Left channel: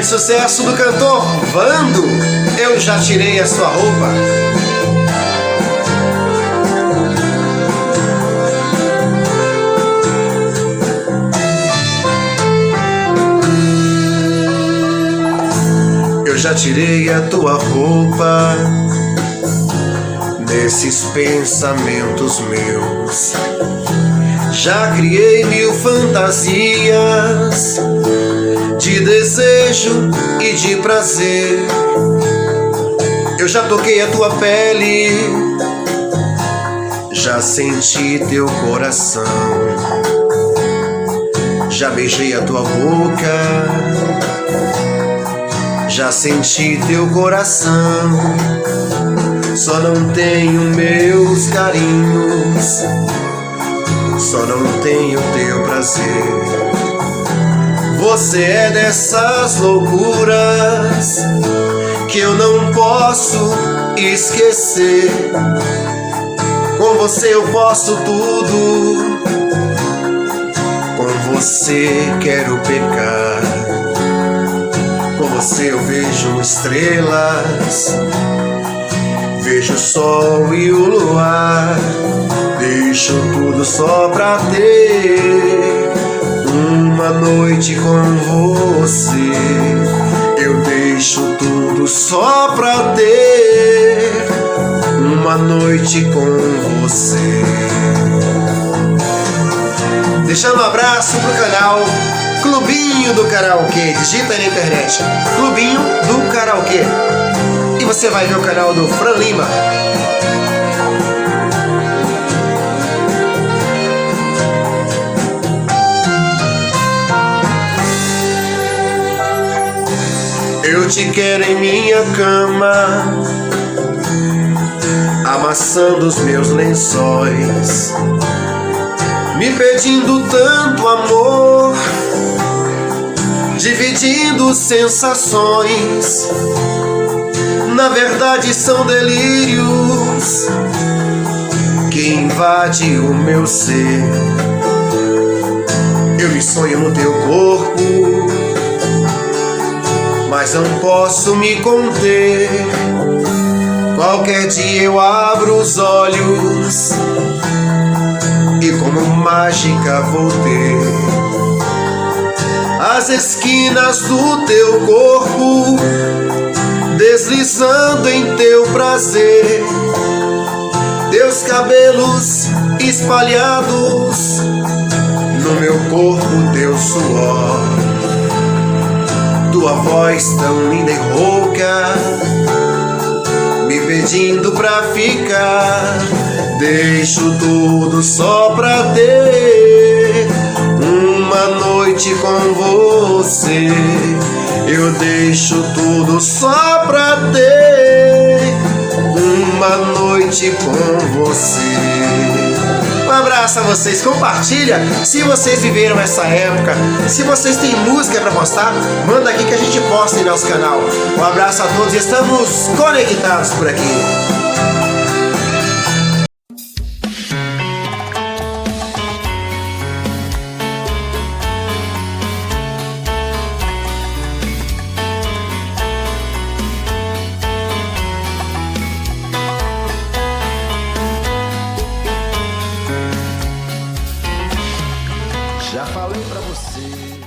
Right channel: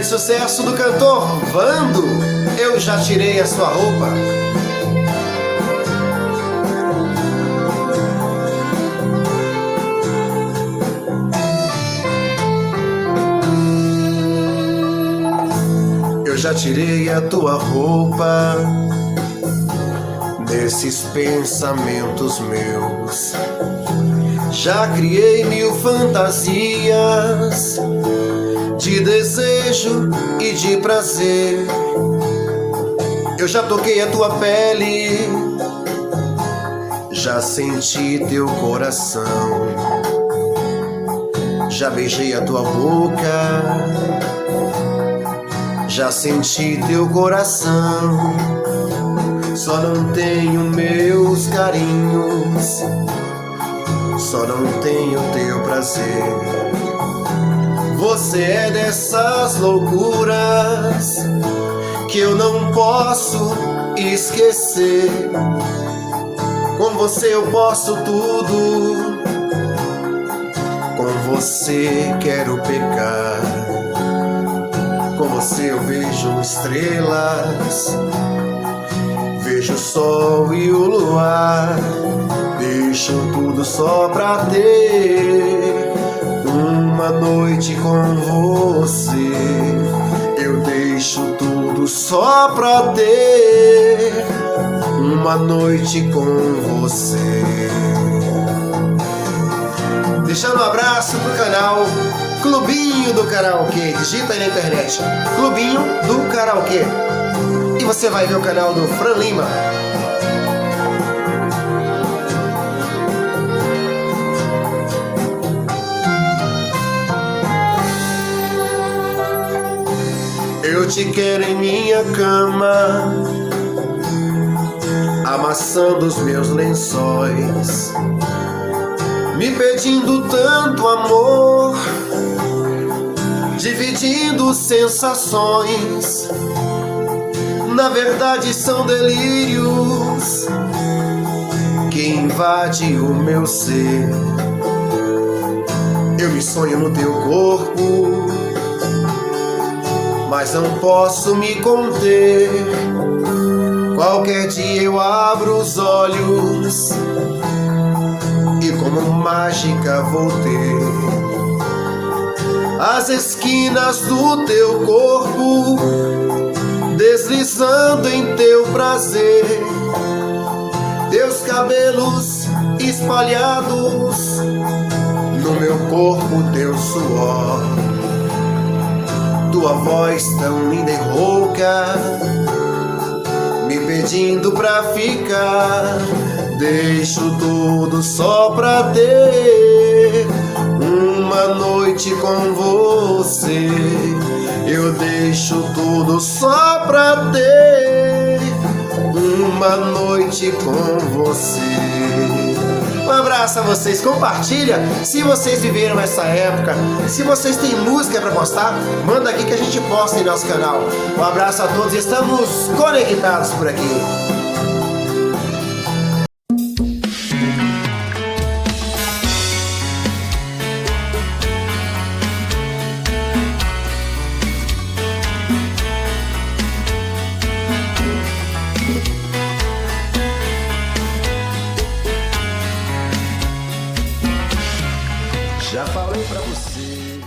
grande sucesso do cantor Vando, Eu Já Tirei a Sua Roupa. Eu já tirei a tua roupa nesses pensamentos meus. Já criei mil fantasias de desejo e de prazer. Eu já toquei a tua pele, já senti teu coração, já beijei a tua boca, já senti teu coração. Só não tenho meus carinhos, só não tenho teu prazer. Você é dessas loucuras que eu não posso esquecer. Com você eu posso tudo, com você quero pecar. Com você eu vejo estrelas, vejo o sol e o luar. Deixo tudo só pra ter uma noite com você. Eu deixo tudo só pra ter uma noite com você. Deixando um abraço pro canal Clubinho do Karaokê. Digita aí na internet Clubinho do Karaokê e você vai ver o canal do Fran Lima. Eu te quero em minha cama, amassando os meus lençóis, me pedindo tanto amor, dividindo sensações. Na verdade são delírios que invadem o meu ser. Eu me sonho no teu corpo, mas não posso me conter. Qualquer dia eu abro os olhos e como mágica vou ter as esquinas do teu corpo deslizando em teu prazer. Teus cabelos espalhados no meu corpo, teu suor, tua voz tão linda e rouca, me pedindo pra ficar. Deixo tudo só pra ter uma noite com você. Eu deixo tudo só pra ter uma noite com você. Um abraço a vocês, compartilha se vocês viveram essa época. Se vocês têm música pra postar, manda aqui que a gente posta em nosso canal. Um abraço a todos e estamos conectados por aqui. Já falei pra você